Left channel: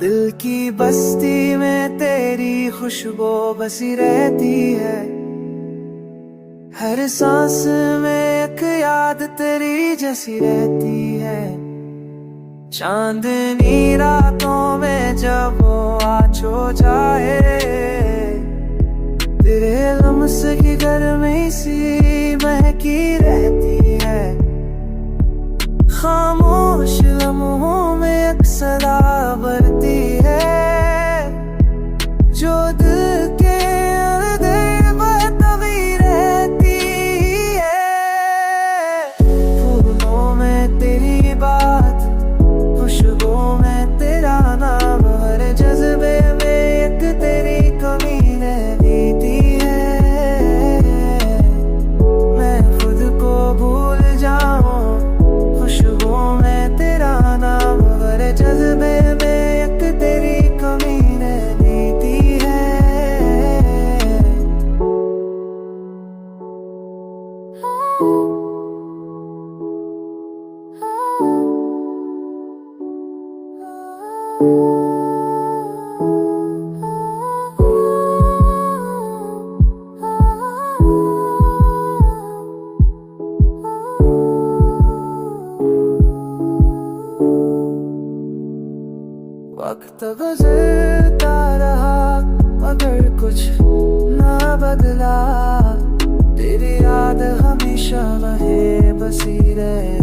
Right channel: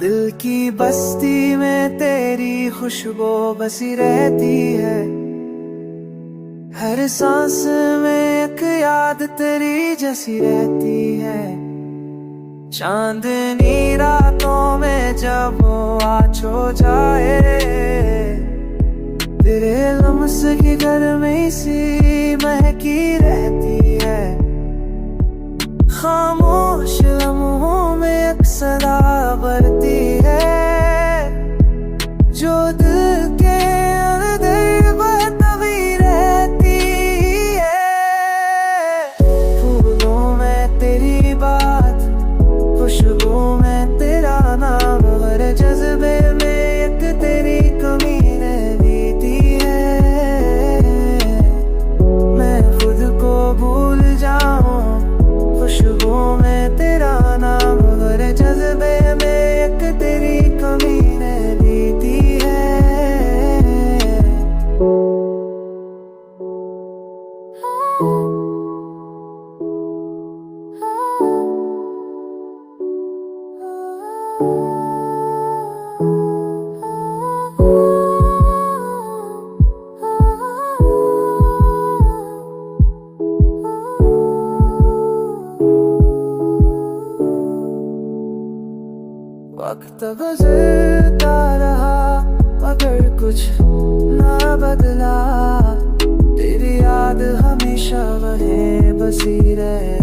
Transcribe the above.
दिल की बस्ती में तेरी खुशबू बसी रहती है, हर सांस में एक याद तेरी जैसी रहती है। चांदनी रातों में जब वो आज हो जाए, तेरे लम्स की गर्मी सी महकी रहती है। खामोश लम्हों में एक सदा बढ़ती है, जो दिल के अंदर बहती रहती है। फूलों में तेरी बात, खुशबू में तेरा नाम, हर जज्बे में एक तेरी कमी रहती है। मैं खुद को भूल जाऊं, खुशबू में तेरा नाम, हर जज्बे में एक तेरी कमी रहती है। वक्त गुजरता रहा मगर कुछ ना बदला, तेरी याद हमेशा वहीं बसी रहे।